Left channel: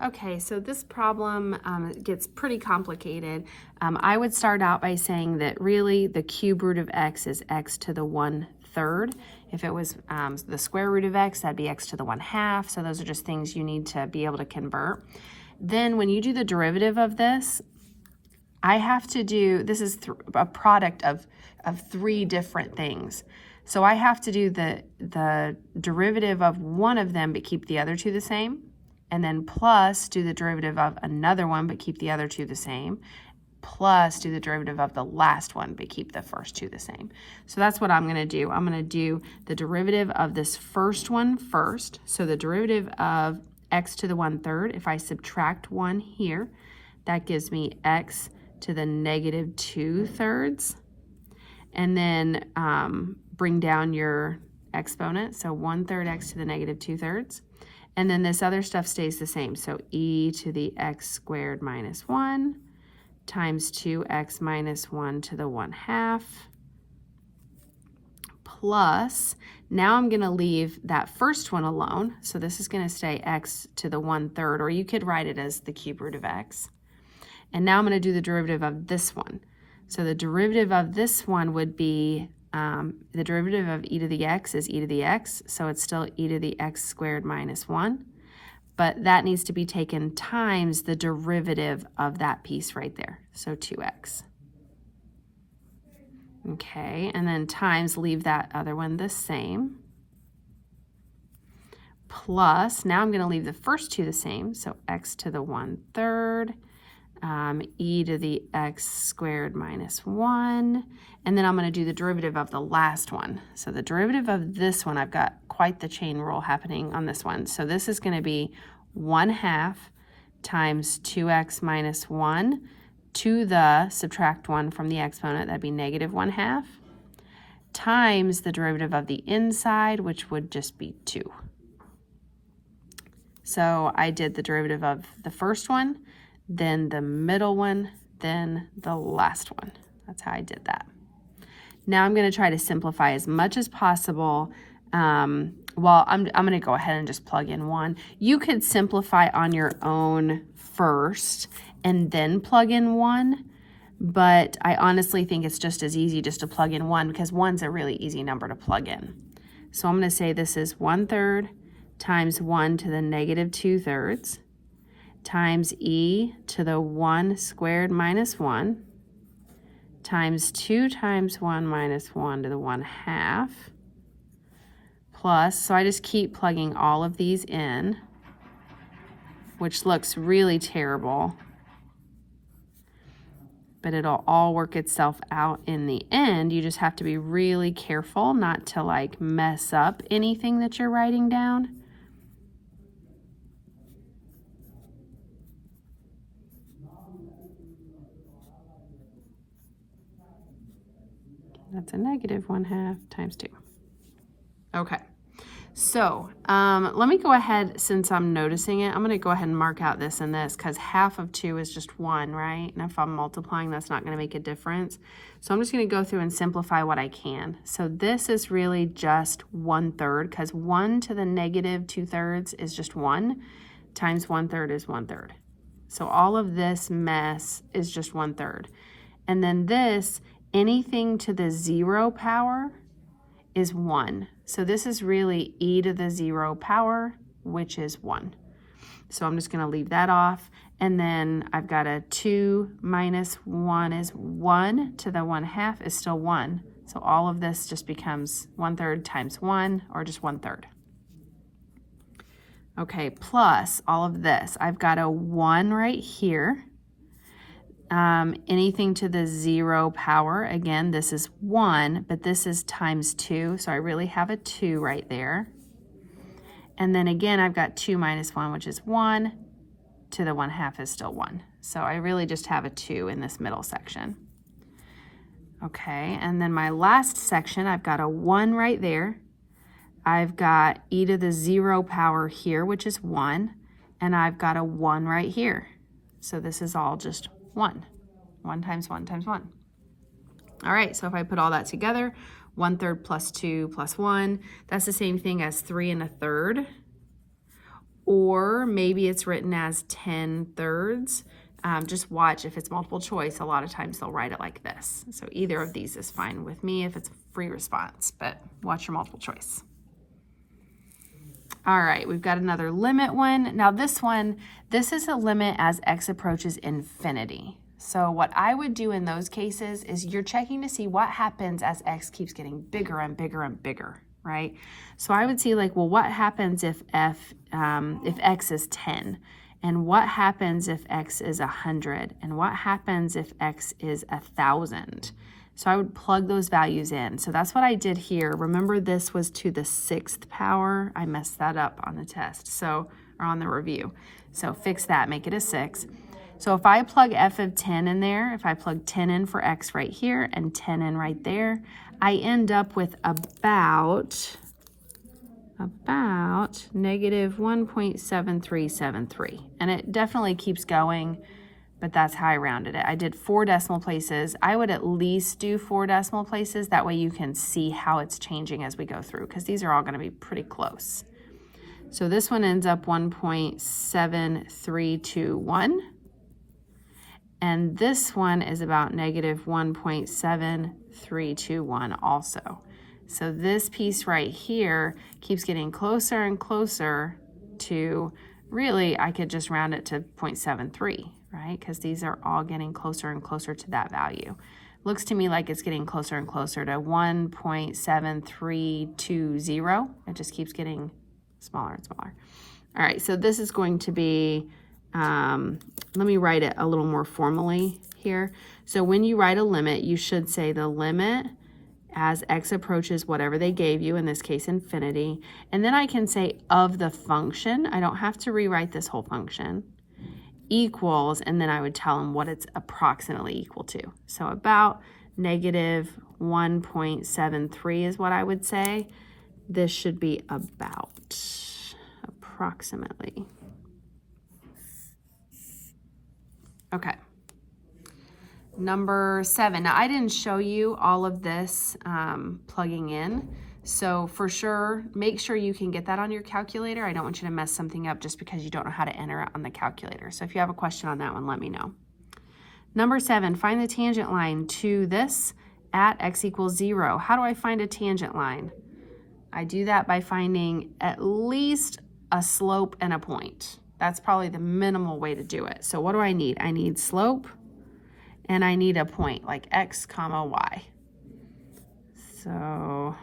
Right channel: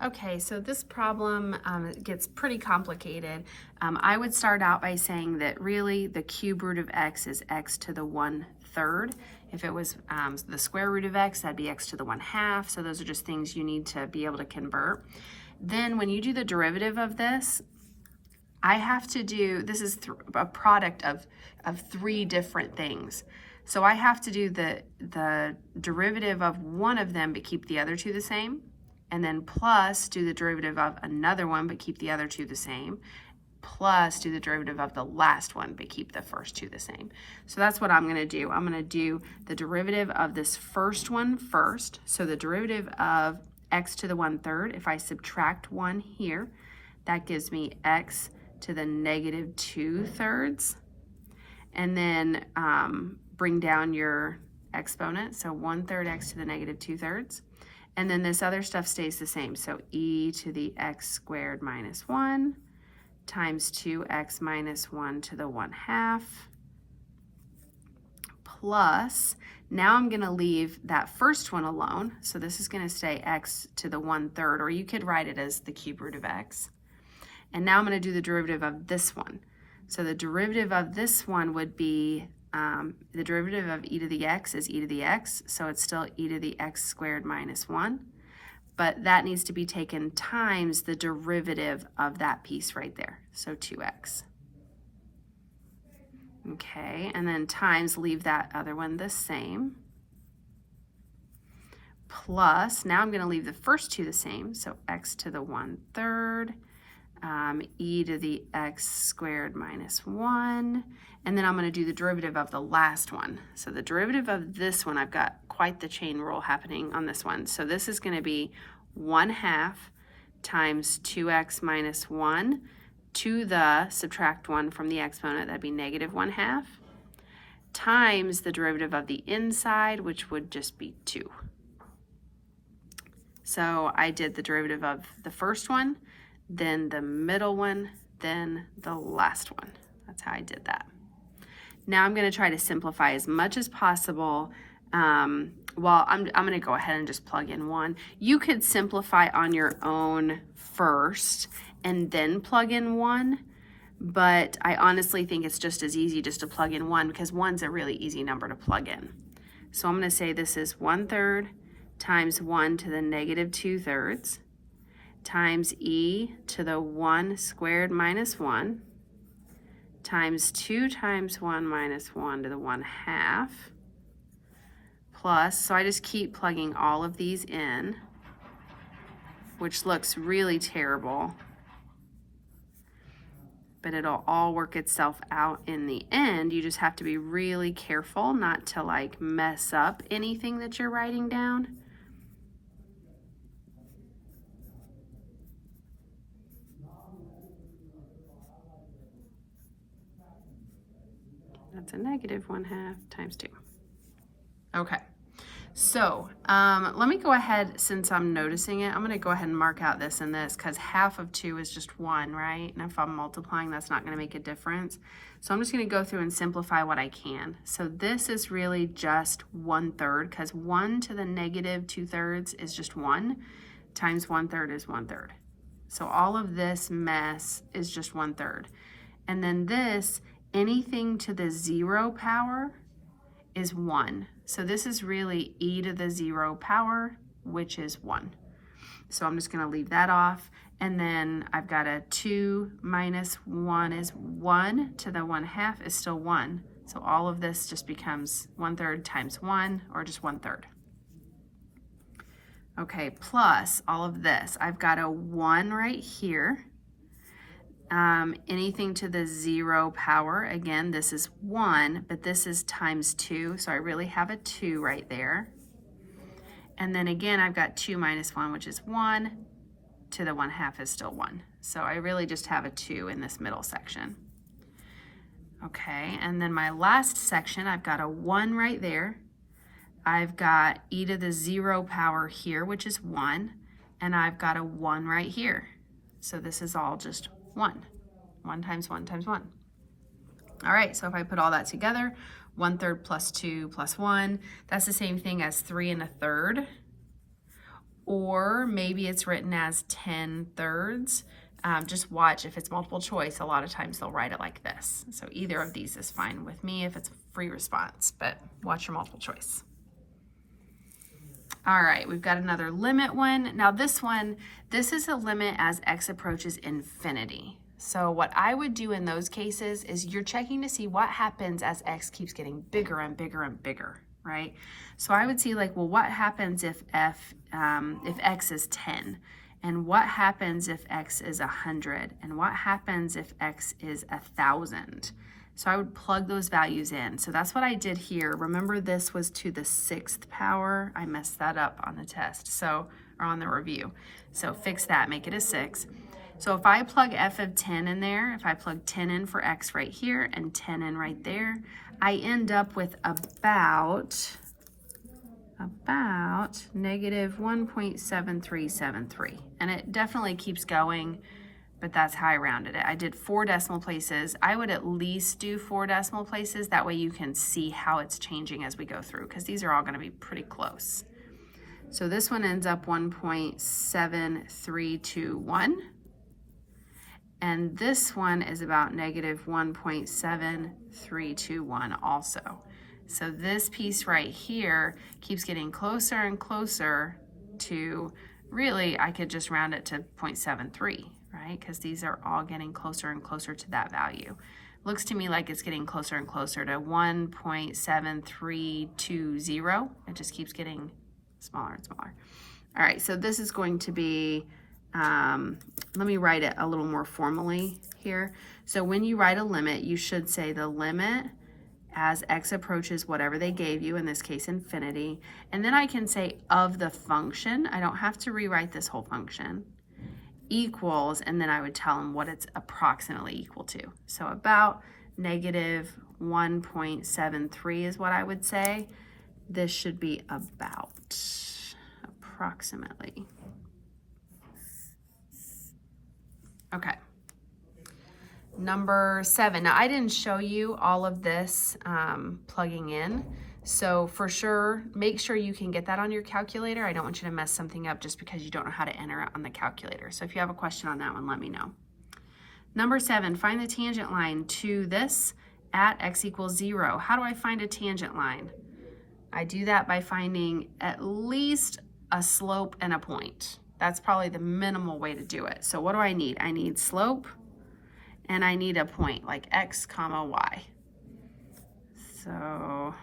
Okay, so this problem gets pretty complicated. I would start out by saying that really the cube root of x is x to the 1/3. If it was the square root of x, that'd be x to the 1/2. So those are just things you need to be able to convert. Then when you do the derivative of this, I have to do, this is a product of three different things. So I have to do the derivative of one of them but keep the other two the same, and then plus do the derivative of another one but keep the other two the same, plus do the derivative of the last one but keep the first two the same. So that's what I'm going to do. I'm going to do the derivative of this first one first. So the derivative of x to the 1/3, if I subtract 1 here, that gives me x to the negative 2/3. And then bring down your exponent, so 1/3 x to the negative 2/3. And then this other stuff stays the same, so e to the x squared minus 1 times 2x minus 1 to the 1/2 plus, now I'm going to leave that first one alone, so this is going to stay x to the 1/3, or you could write it as the cube root of x. And now I'm going to do the derivative of this one. So the derivative of this one would be, the derivative of e to the x is e to the x, so it's still e to the x squared minus 1. But that needs to be taken times the derivative of that piece right there, so 2x. Okay, and then times, leave that other one the same. Plus, now I'm going to leave the first two the same, so x to the 1/3. E to the x squared minus 1, and then I'm going to do the derivative of the last one. So the derivative of this one, I've got quite the chain rule happening on this one. So this is going to be 1/2 times 2x minus 1 to the, subtract 1 from the exponent, that'd be negative 1/2, times the derivative of the inside, which would just be 2. So I did the derivative of the first one, then the middle one, then the last one. That's how I did that. Now I'm going to try to simplify as much as possible. Well, I'm going to go ahead and just plug in 1. You could simplify on your own first and then plug in 1, but I honestly think it's just as easy just to plug in 1 because 1's a really easy number to plug in. So I'm going to say this is 1/3 times 1 to the negative 2/3 times e to the 1 squared minus 1 times 2 times 1 minus 1 to the 1/2 plus, so I just keep plugging all of these in, which looks really terrible, but it'll all work itself out in the end. You just have to be really careful not to like mess up anything that you're writing down. That's a negative 1/2 times 2. Okay, so let me go ahead, since I'm noticing it, I'm going to go ahead and mark out this and this because half of 2 is just 1, right? And if I'm multiplying, that's not going to make a difference. So I'm just going to go through and simplify what I can. So this is really just 1/3 because 1 to the negative 2/3 is just 1 times 1/3 is 1/3. So all of this mess is just 1/3. And then this, anything to the 0 power is 1. So this is really e to the 0 power, which is 1. So I'm just going to leave that off. And then I've got a 2 minus 1 is 1 to the 1/2 is still 1. So all of this just becomes 1/3 times 1, or just 1/3. Okay, plus all of this. I've got a 1 right here. Anything to the 0 power, again, this is 1, but this is times 2, so I really have a 2 right there. And then again, I've got 2 minus 1, which is 1, to the 1/2 is still 1. So I really just have a 2 in this middle section. Okay, and then my last section, I've got a 1 right there. I've got e to the 0 power here, which is 1, and I've got a 1 right here. So this is all just 1. 1 times 1 times 1. All right, so if I put all that together, 1/3 plus 2 plus 1, that's the same thing as 3 1/3. or maybe it's written as 10/3. Just watch if it's multiple choice. A lot of times they'll write it like this. So either of these is fine with me if it's a free response, but watch your multiple choice. All right, we've got another limit one. Now this is a limit as x approaches infinity. So what I would do in those cases is you're checking to see what happens as x keeps getting bigger and bigger and bigger, right? So I would see like, well, what happens if x is 10? And what happens if x is 100? And what happens if x is 1,000? So I would plug those values in. So that's what I did here. Remember, this was to the 6th power. I messed that up on the test, or on the review. So fix that, make it a 6. So if I plug f of 10 in there, if I plug 10 in for x right here and 10 in right there, I end up with about negative 1.7373. And it definitely keeps going, but that's how I rounded it. I did 4 decimal places. I would at least do 4 decimal places. That way you can see how it's changing as we go through, because these are all going to be pretty close. So this one ends up 1.7321. And this one is about negative 1.7321 also. So this piece right here keeps getting closer and closer to, really, I could just round it to 0.73, right? Because these are all getting closer and closer to that value. Looks to me like it's getting closer and closer to 1.7320. It just keeps getting smaller and smaller. All right, so this is going to be, let me write it a little more formally here. So when you write a limit, you should say the limit as x approaches whatever they gave you, in this case infinity, and then I can say of the function. I don't have to rewrite this whole function, equals, and then I would tell them what it's approximately equal to. So about negative 1.73 is what I would say. This should be about, approximately. Okay. Number 7. Now, I didn't show you all of this plugging in. So for sure, make sure you can get that on your calculator. I don't want you to mess something up just because you don't know how to enter it on the calculator. So if you have a question on that one, let me know. Number 7, find the tangent line to this at x equals 0. How do I find a tangent line? I do that by finding at least a slope and a point. That's probably the minimal way to do it. So what do I need? I need slope and I need a point like x comma y. So